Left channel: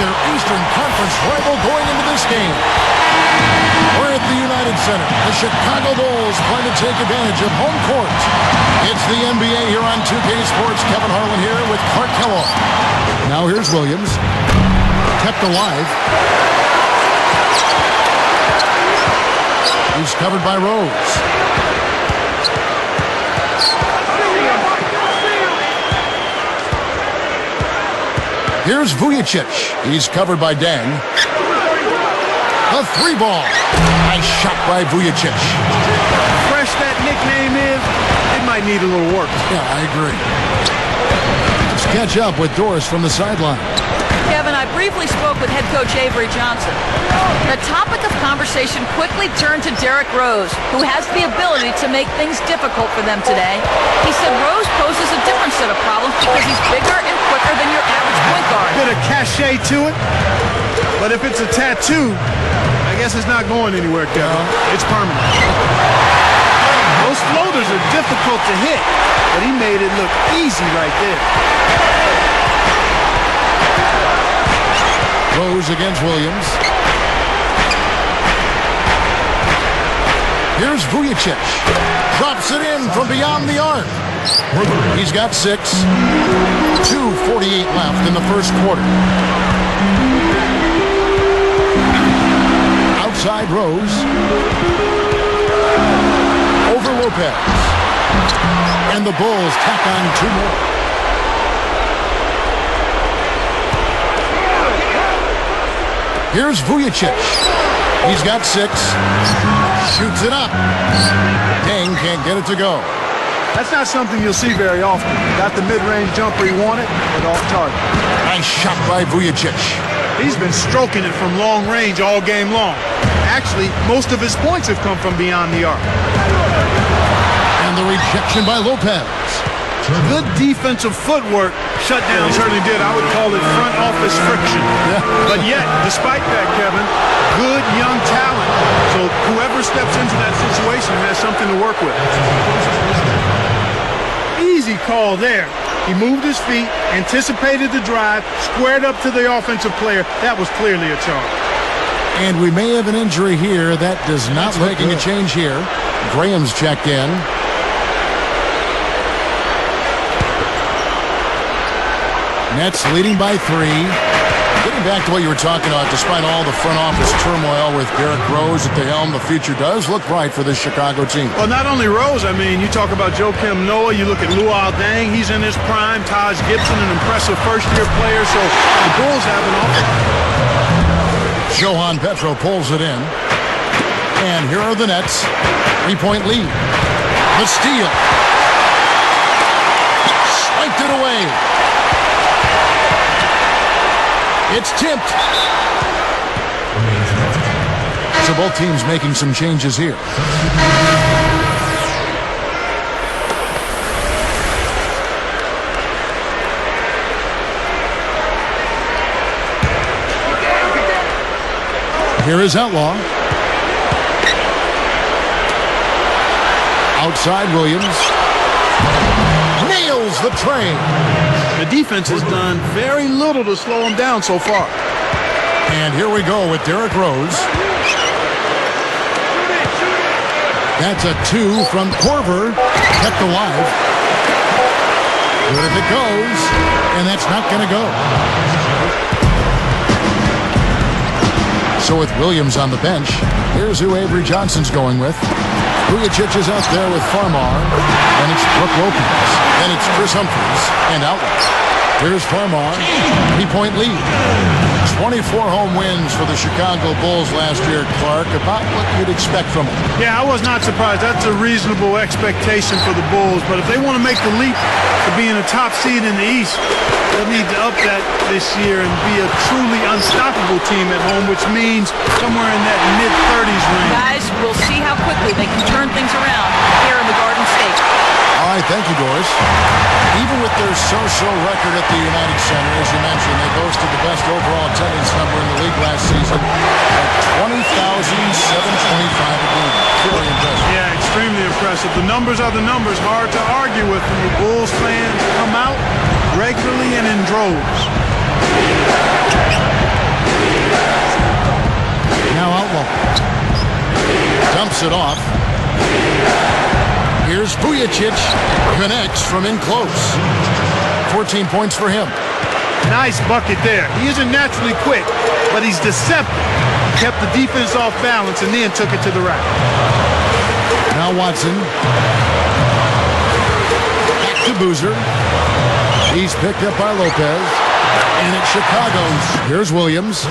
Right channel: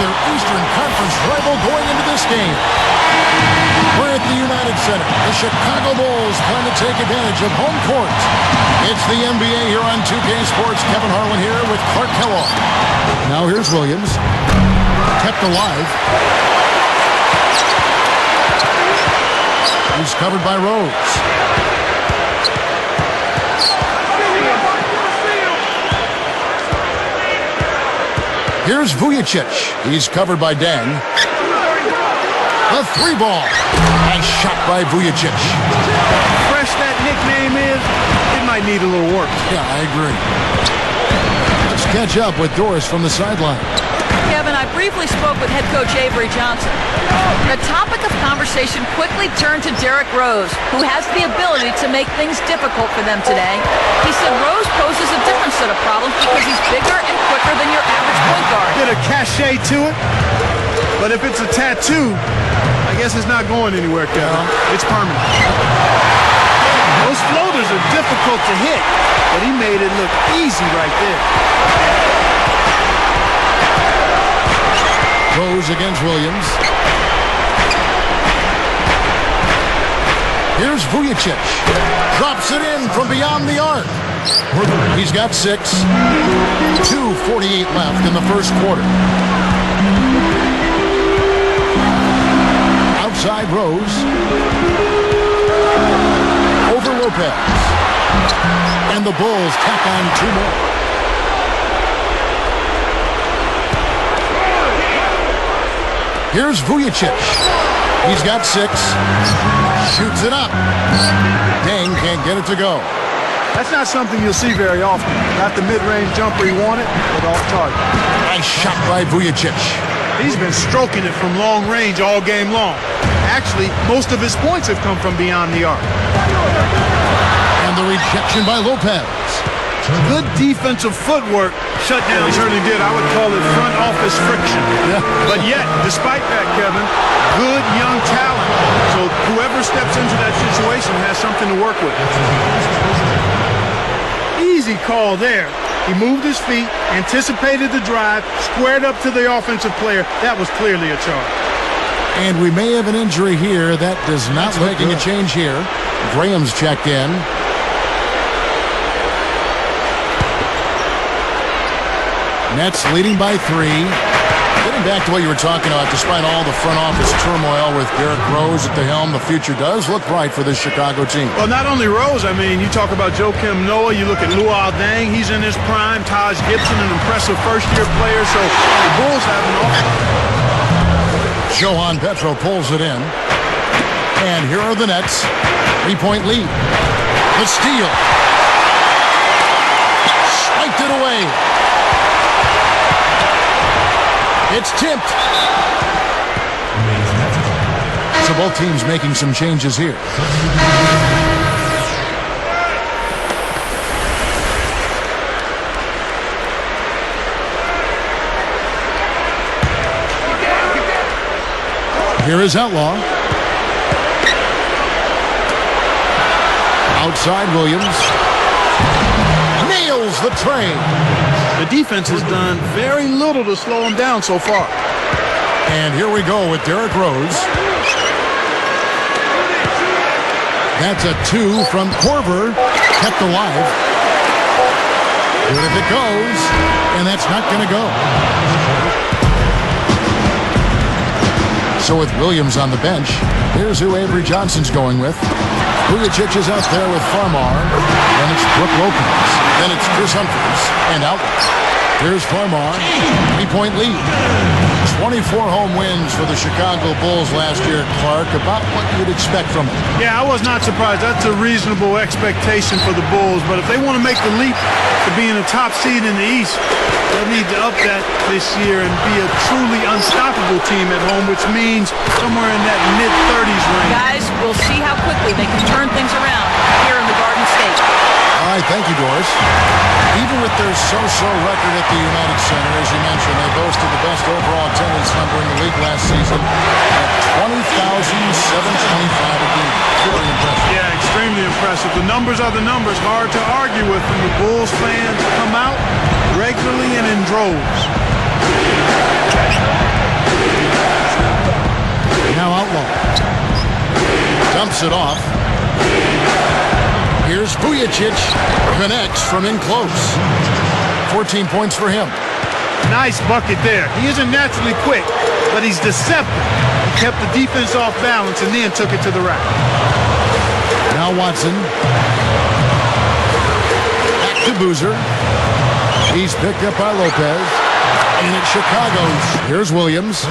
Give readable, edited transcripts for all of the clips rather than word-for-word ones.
their Eastern Conference rival going into this game. We're at the United Center. The Chicago Bulls plan to take advantage of home court. It's the NBA here on 2K Sports. Kevin Harlan here with Clark Kellogg. Now here's Williams. Kept alive. He's covered by Rose. Here's Vujicic. He's covered by Deng. The three ball. Nice shot by Vujicic. Fresh that nickname is, it might need a little work. Yeah, I agree. Let's catch up with Doris from the sideline. Kevin, I briefly spoke with head coach Avery Johnson. The topic of conversation quickly turned to Derrick Rose, who has the ability to make things difficult for them today. He said Rose poses a different set of problems because he's bigger and quicker than your average point guard. Bit of cachet to it, but if it's a tattoo, I guess it's not going anywhere, Kevin. It's permanent. Those floaters are difficult to hit, but he made it look easy right there. Rose against Williams. Here's Vujicic. Drops it in from beyond the arc. He's got 6. 2:48 left in the first quarter. Outside Rose. Over Lopez. And the Bulls tack on 2 more. Here's Vujicic. He's got 6. Shoots it up. Deng can't get it to go. That's not something you'll see very often. Got the mid-range jumper he wanted, but off target. Nice shot by Vujicic. He's been stroking it from long range all game long. Actually, most of his points have come from beyond the arc. And the rejection by Lopez. Good defensive footwork shut down. He certainly did. I would call it front office friction. Yeah. But yet, despite that, Kevin, good young talent. So whoever steps into that situation has something to work with. Easy call there. He moved his feet, anticipated the drive, squared up to the offensive player. That was clearly a charge. And we may have an injury here. That does not look making a change here. Graham's checked in. Nets leading by 3. Getting back to what you were talking about, despite all the front office turmoil with Derrick Rose at the helm, the future does look bright for this Chicago team. Well, not only Rose, I mean, you talk about Joakim Noah, you look at Luol Deng, he's in his prime, Taj Gibson, an impressive first-year player, so the Bulls have an awful lot. Johan Petro pulls it in. And here are the Nets. 3-point lead. The steal. Swiped it away. It's tipped. So both teams making some changes here. Here is Outlaw. Outside Williams. Nails the tray. The defense has done very little to slow him down so far. And here we go with Derrick Rose. That's a 2 from Korver. Kept alive. Good if it goes. And that's not going to go. So with Williams on the bench, here's who Avery Johnson's going with. Vujicic is out there with Farmar. Then it's Brook Lopez. Then it's Chris Humphries and Outlaw. Here's Farmar. 3-point lead. 24 home wins for the Chicago Bulls last year, Clark. About what you'd expect from them. Yeah, I was not surprised. That's a reasonable expectation for the Bulls. But if they want to make the leap to being a top seed in the East, they'll need to up that this year and be a truly unstoppable team at home, which means somewhere in that mid-30s range. Guys, we'll see how quickly they can turn things around here in the Garden State. All right, thank you, Doris. Even with their so-so record at the United Center, as you mentioned, they boasted the best overall attendance number in the league last season at 20,725 a game. Very impressive. Yeah, extremely impressive. The numbers are the numbers. Hard to argue with them. The Bulls fans come out regularly and in droves. dumps it off. Here's Vujicic. Connects from in close. 14 points for him. Nice bucket there. He isn't naturally quick, but he's deceptive. He kept the defense off balance and then took it to the rack. Now Watson. Back to Boozer. He's picked up by Lopez. And it's Chicago's. Here's Williams.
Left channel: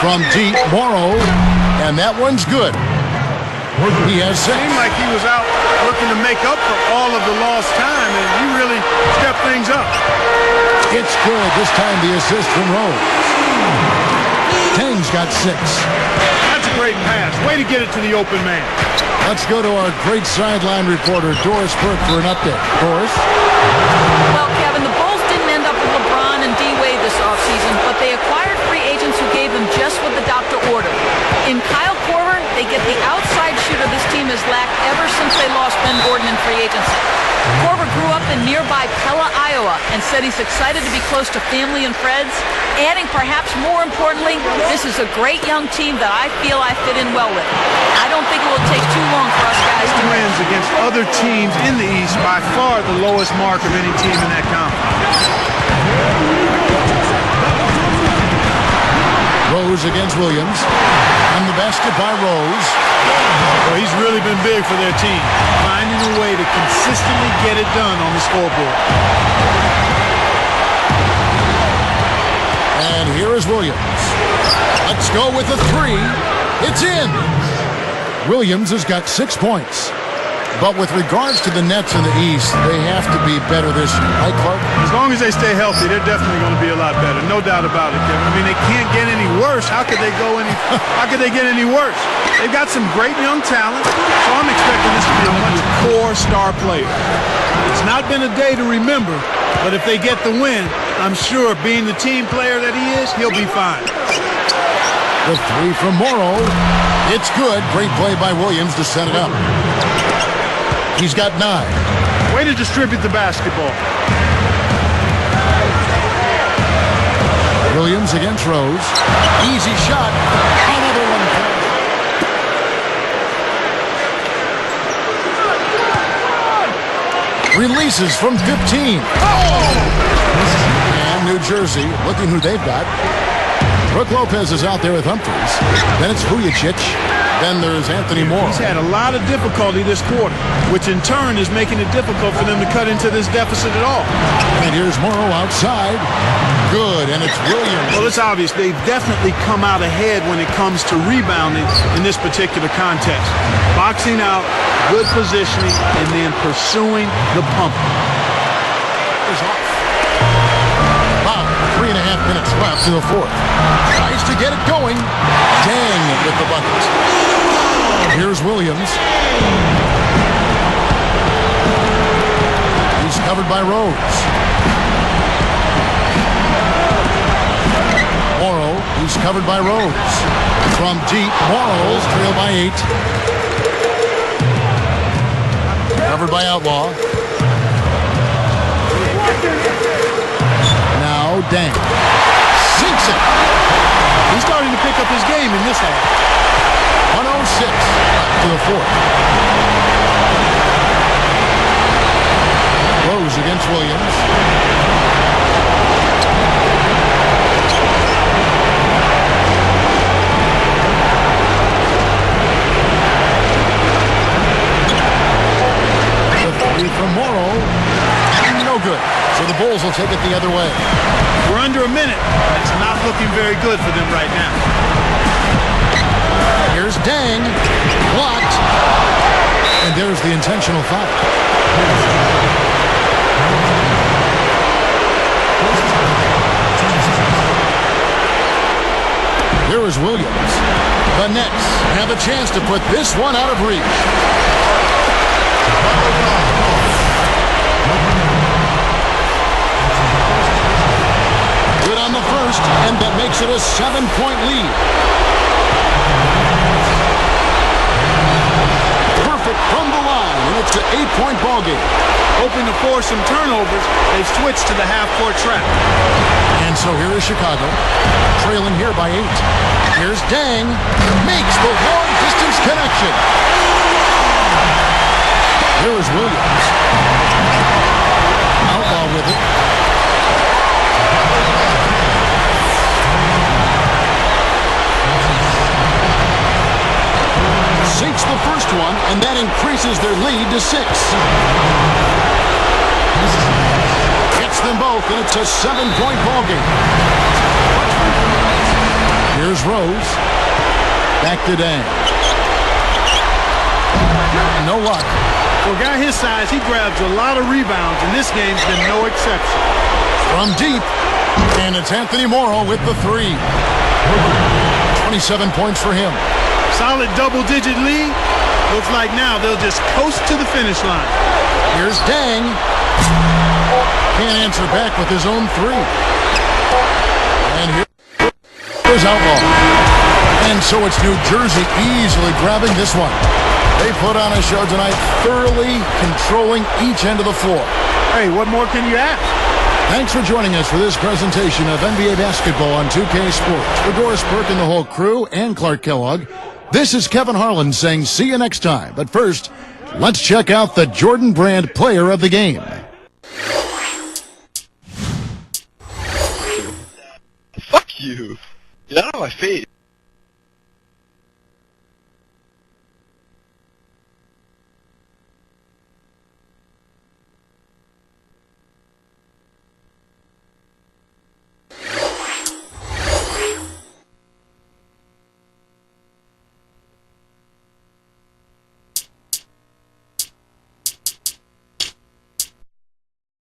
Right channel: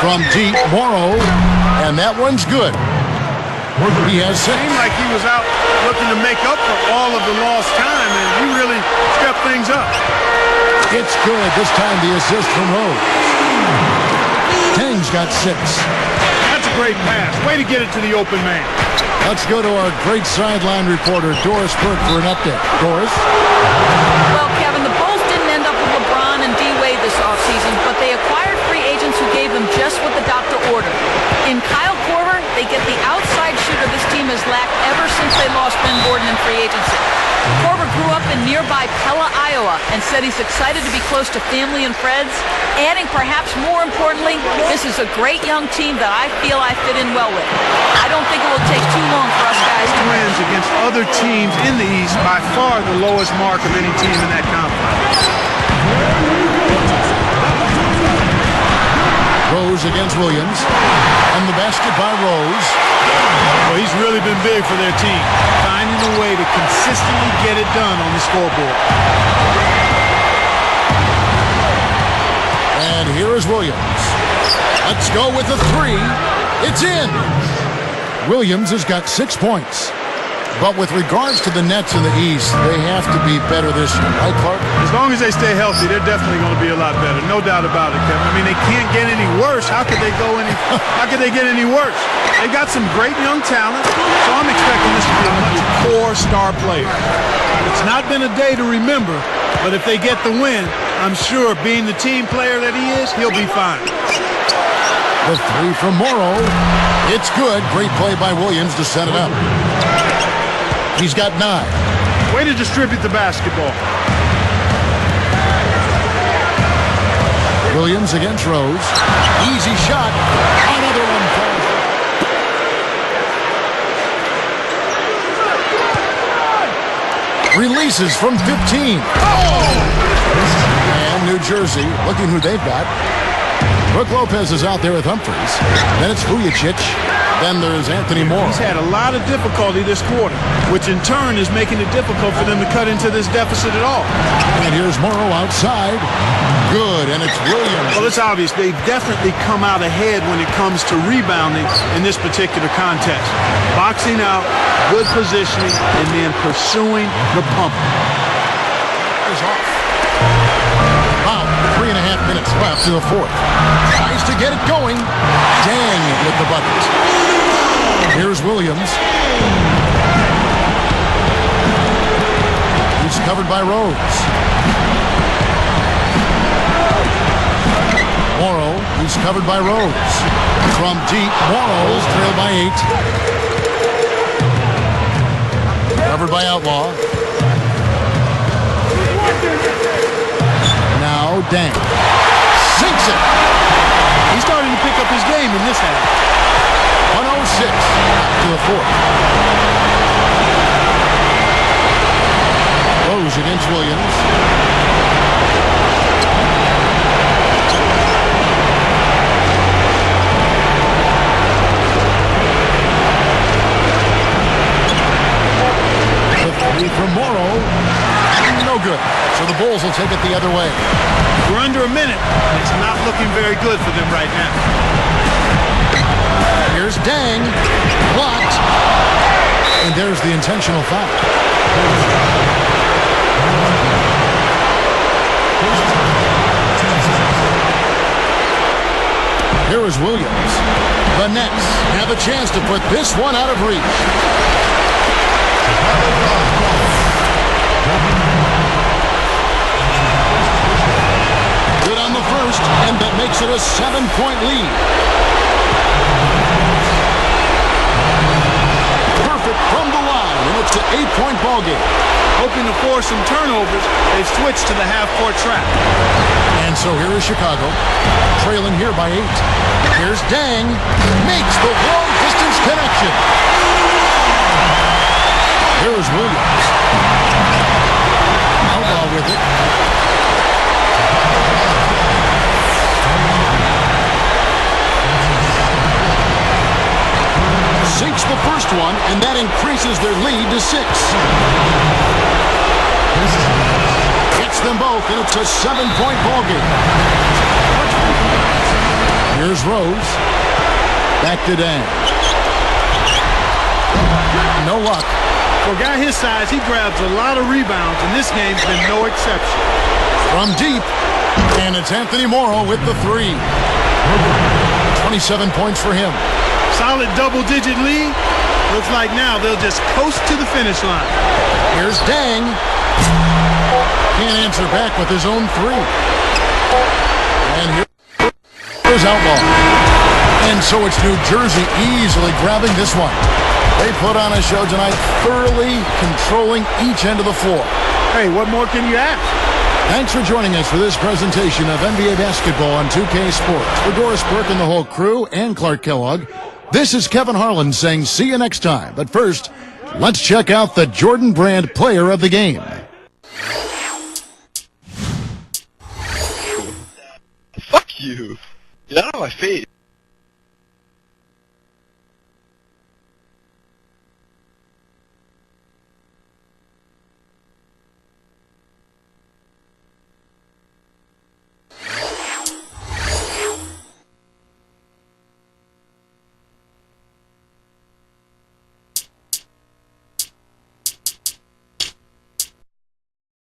From deep, Morrow. And that one's good. He has six. Seemed like he was out looking to make up for all of the lost time, and he really stepped things up. It's good. This time the assist from Rose. Tang's got 6. That's a great pass. Way to get it to the open man. Let's go to our great sideline reporter, Doris Burke, for an update. Doris? Well, Kevin, the Bulls didn't end up with LeBron and D-Wade this offseason, but they acquired free agents who gave them just what the doctor ordered. In Kyle Korver, they get the outside shooter this team has lacked ever since they lost Ben Gordon in free agency. Korver grew up in nearby Pella, Iowa, and said he's excited to be close to family and friends, adding perhaps more importantly, this is a great young team that I feel I fit in well with. I don't think it will take too long for us guys to wins against other teams in the East, by far the lowest mark of any team in that conference. Rose against Williams. And the basket by Rose. Well, he's really been big for their team, finding a way to consistently get it done on the scoreboard. And here is Williams. Let's go with the 3. It's in. Williams has got 6 points. But with regards to the Nets in the East, they have to be better this year, right, Clark? As long as they stay healthy, they're definitely going to be a lot better. No doubt about it, Kevin. I mean, they can't get any worse. How could they get any worse? They've got some great young talent, so I'm expecting this to be a much core star player. It's not been a day to remember, but if they get the win, I'm sure being the team player that he is, he'll be fine. The 3 from Morrow. It's good. Great play by Williams to set it up. He's got 9. Way to distribute the basketball. Williams against Rose. Easy shot. Another one falls. Releases from 15. And New Jersey, looking who they've got. Brook Lopez is out there with Humphries. Then it's Vujicic. Then there's Anthony Moore. He's had a lot of difficulty this quarter, which in turn is making it difficult for them to cut into this deficit at all. And here's Morrow outside. Good, and it's Williams. Well, it's obvious they've definitely come out ahead when it comes to rebounding in this particular contest. Boxing out, good positioning, and then pursuing the pump. Is off. About 3.5 minutes left in the 4th. Tries to get it going. Dang with the bucket. Here's Williams. He's covered by Rose. Morrow, he's covered by Rose. From deep, Morrow trailed by 8. Covered by Outlaw. Now Dang. Sinks it. He's starting to pick up his game in this half. 106 left to the 4th. Rose against Williams. The 3 from Morrow. No good. So the Bulls will take it the other way. We're under a minute, and it's not looking very good for them right now. Here's Dang. Blocked. And there's the intentional foul. Here is Williams. The Nets have a chance to put this one out of reach. Good on the first, and that makes it a 7-point lead. Perfect from the line, and it's an 8-point ball game. Hoping to force some turnovers, they've switched to the half-court trap. And so here is Chicago, trailing here by 8. Here's Dang, makes the long-distance connection. Here is Williams. Outlaw with it. Sinks the first one, and that increases their lead to 6. Gets them both, and it's a 7-point ball game. Here's Rose. Back to Dang. No luck. For a guy his size, he grabs a lot of rebounds, and this game's been no exception. From deep, and it's Anthony Morrow with the 3. 27 points for him. Solid double-digit lead. Looks like now they'll just coast to the finish line. Here's Dang. Can't answer back with his own 3. And here's Outlaw. And so it's New Jersey easily grabbing this one. They put on a show tonight, thoroughly controlling each end of the floor. Hey, what more can you ask? Thanks for joining us for this presentation of NBA basketball on 2K Sports. For Doris Burke and the whole crew and Clark Kellogg, this is Kevin Harlan saying see you next time. But first, let's check out the Jordan Brand player of the game. Fuck you. Get out of my face.